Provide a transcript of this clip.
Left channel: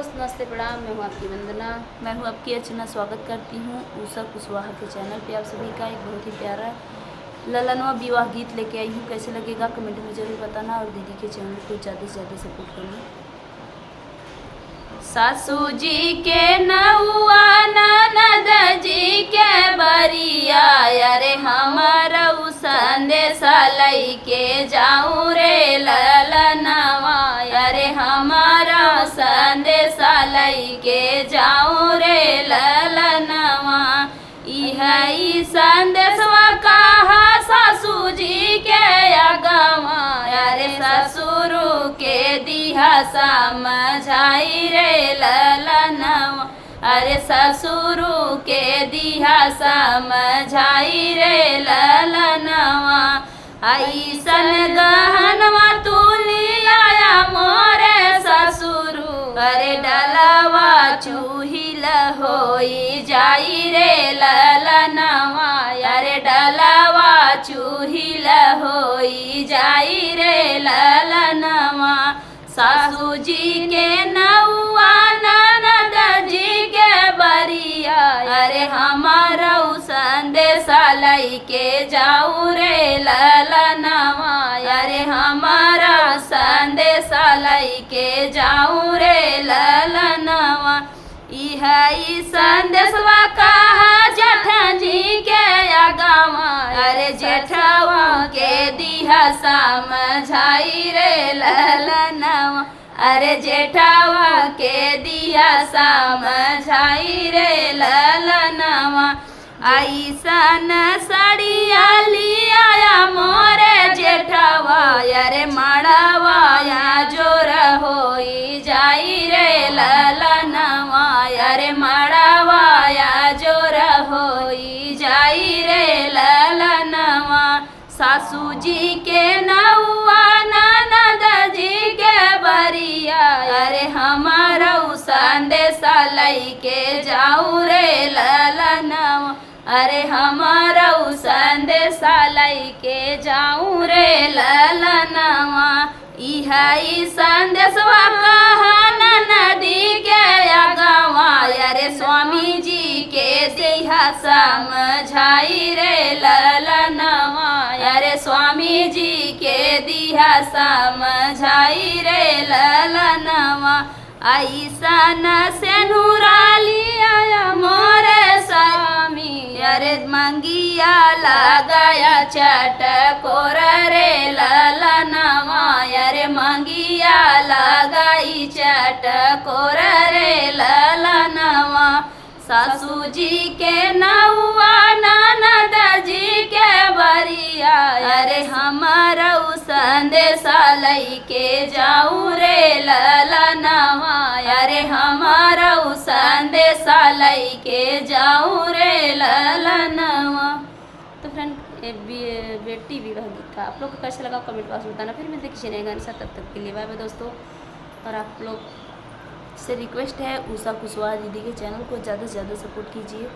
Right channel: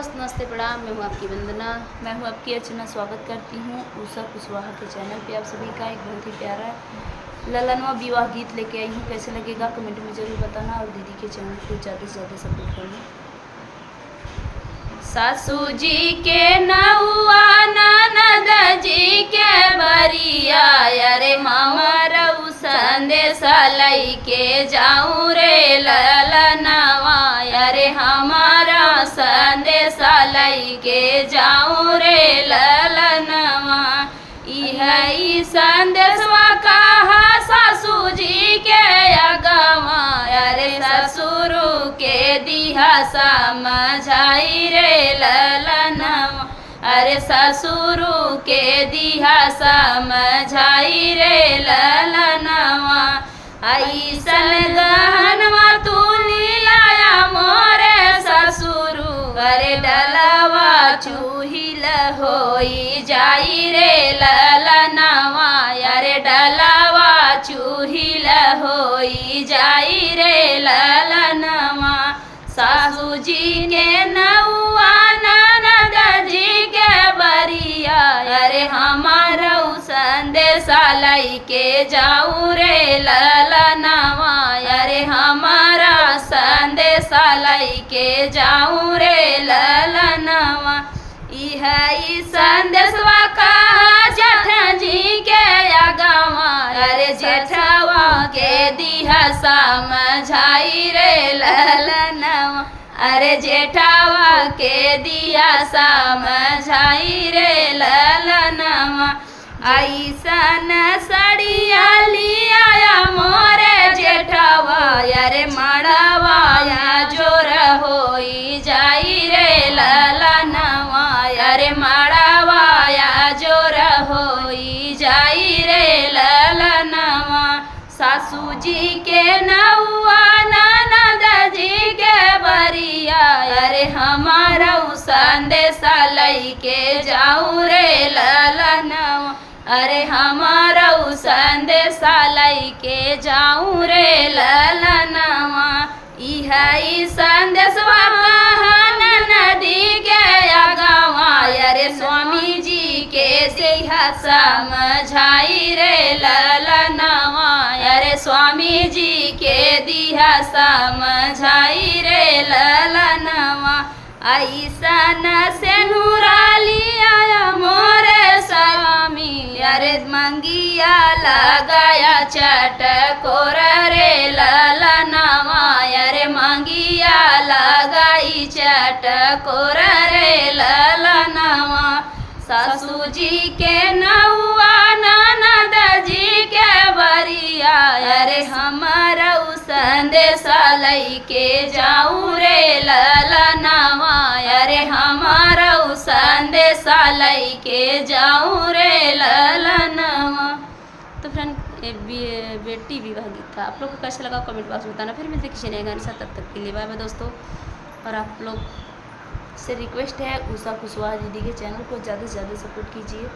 दोस्त, नमस्ते, प्रणाम। मैं हूँ आपकी वंदना। मैं हूँ आपकी अर्चना। स्वागत करती हूँ उषा कुशवाहा के चैनल पे। आप सभी का एक बहुत ही प्यारा ललनवा विवाह गीत लेके आई हूँ। कैसे लगेगा कमेंट में ज़रूर बताना और दीदी के चैनल को ज़्यादा से ज़्यादा सपोर्ट करना। सासू जी के नौआ ननद जी के बरिया, अरे हमारा संदेशा लैके जाऊँ रे ललनवा, अरे हमारा संदेशा लैके जाऊँ रे ललनवा। ई संदेशवा कहा सासू जी के अगवा, अरे ससुर के दिहा समझाई रे ललनवा, अरे ससुर के दिहा समझाई रे ललनवा। ऐसन गहनवा तू लाया मोरे ससुर, अरे डलवा चूहिल होई जाई रे ललनवा, अरे डलवा चूहिल होई जाई रे ललनवा। सासू जी के नौआ ननद जी के बरिया, अरे हमारा संदेशा लैके जाऊँ रे ललनवा, अरे हमारा संदेशा लैके जाऊँ रे ललनवा। ई संदेशवा कहा जेठा जी के अगवा, अरे जेठवा के दिहा समझाई रे ललनवा, अरे जेठवा के दिहा समझाई रे ललनवा। ऐसन सड़िया लिया मोरे जेठवा, अरे मड़वाया जोर होई जाई रे ललनवा, अरे मड़वाया जोर होई जाई रे ललनवा। सासू जी के नौआ ननद जी के बरिया, अरे हमारा संदेशा लैके जाऊँ रे ललनवा, अरे हमारा संदेशा लैके जाऊँ रे ललनवा। ई संदेशवा कहा नदी के अगवा, अरे स्वामी जी के दिहा समझाई रे ललनवा, अरे स्वामी जी के दिहा समझाई रे ललनवा। ऐसन सेनुरा लिया मोरे स्वामी, अरे मंगिया लगाया चटकोर रे ललनवा, अरे मंगिया लगाई चटकोर रे ललनवा। सासू जी के नौआ ननद जी के बरिया, अरे हमारा संदेशा लैके जाऊँ रे ललनवा, अरे हमारा संदेशा लैके जाऊँ रे ललनवा। तो फ्रेंड, बेटी विवाह गीत था, आप लोग को कैसा लगा कमेंट बॉक्स में बताना। फिर मैं देखिए नए गाने साथ, तब तक के लिए बाय बाय दोस्तों। और आप लोग से रिक्वेस्ट है उषा कुशवाहा दीदी के चैनल को ज़्यादा से ज़्यादा सपोर्ट कीजिए।